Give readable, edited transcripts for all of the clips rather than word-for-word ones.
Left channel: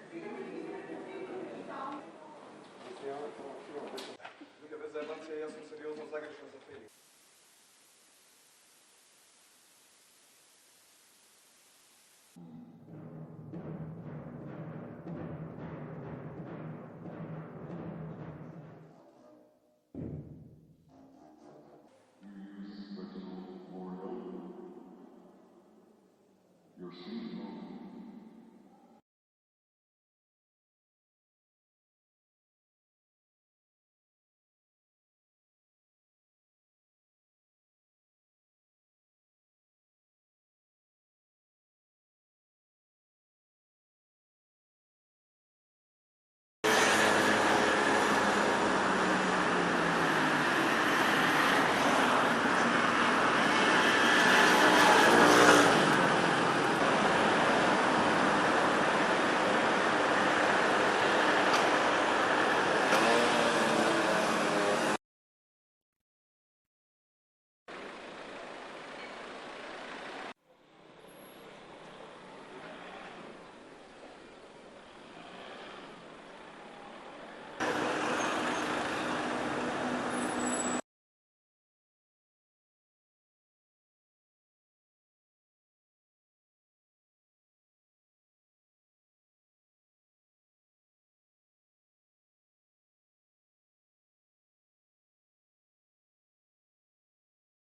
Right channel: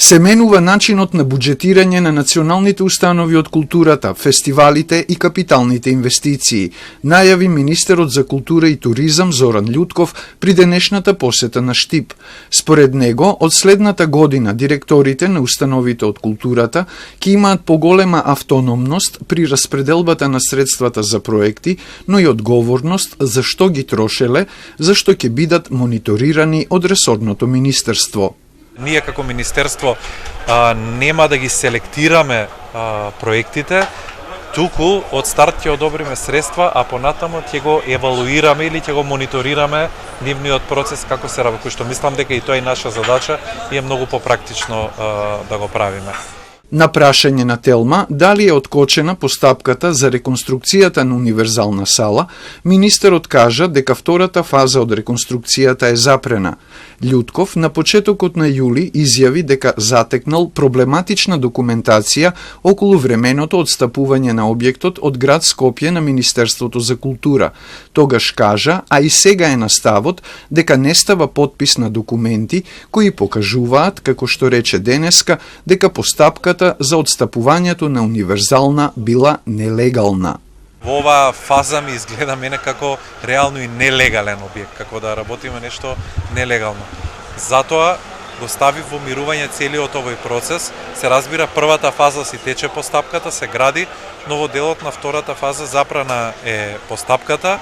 Се менува начинот на буџетирање на националните установи од културата, фестивалите и капиталните инвестиции, најави министерот за култура и туризам Зоран Љутков при денешната посета на Штип. Според него, од следната година директорите на установите од културата ќе имаат поголема автономност при распределбата на средствата за проекти, но и одговорност за што ги трошеле, за што ќе бидат мониторирани од ресорното министерство. Ние како министерство нема да ги селектираме проектите, туку од старт ќе одобриме средства, а понатаму ќе го евалуираме или ќе го мониторираме нивниот процес како се работи, што мислам дека и тоа е наша задача и е многу попрактично да го правиме. На прашање на Телма дали е откочена постапката за реконструкцијата на универзална сала, министерот кажа дека втората фаза од реконструкцијата е запрена. Љутков на почетокот на јули изјави дека затекнал проблематична документација околу временото отстапување на објектот од град Скопје на Министерството за култура. Тогаш кажа, а и сега е на ставот, дека не става подпис на документи кои покажуваат, како што рече денеска, дека постапката за отстапувањето на универзална била нелегална. Во оваа фаза ми изгледа мене како реално и нелегален објект, како да работиме нешто нелегално. Затоа го стави во мирување целиот овој процес. Се разбира, првата фаза си тече постапката, се гради, но во делот на втората фаза запрана е постапката.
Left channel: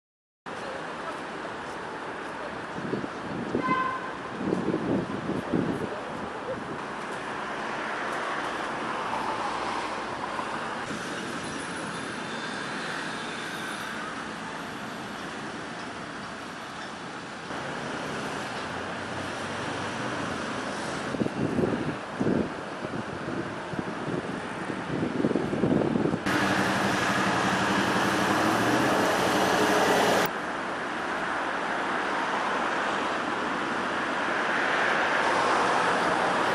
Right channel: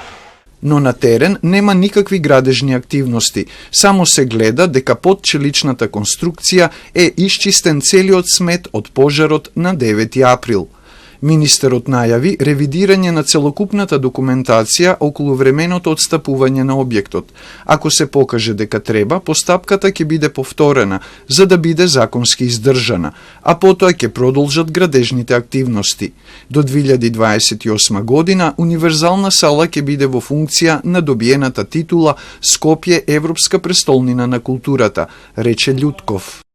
Но на терен нема никакви градежни активности, само се гледа дека под челичната конструкција е исчистен целиот смет од пожарот на 9 април. Министерот најави ревидирање на целокупната документација околу временото отстапување на објектот. Ако се покаже дека треба, постапката ќе биде повторена, за да биде законски издржана, а потоа ќе продолжат градежните активности. До 2028 година универзална сала ќе биде во функција на добиената титула Скопје Европска престолнина на културата, рече Љутков.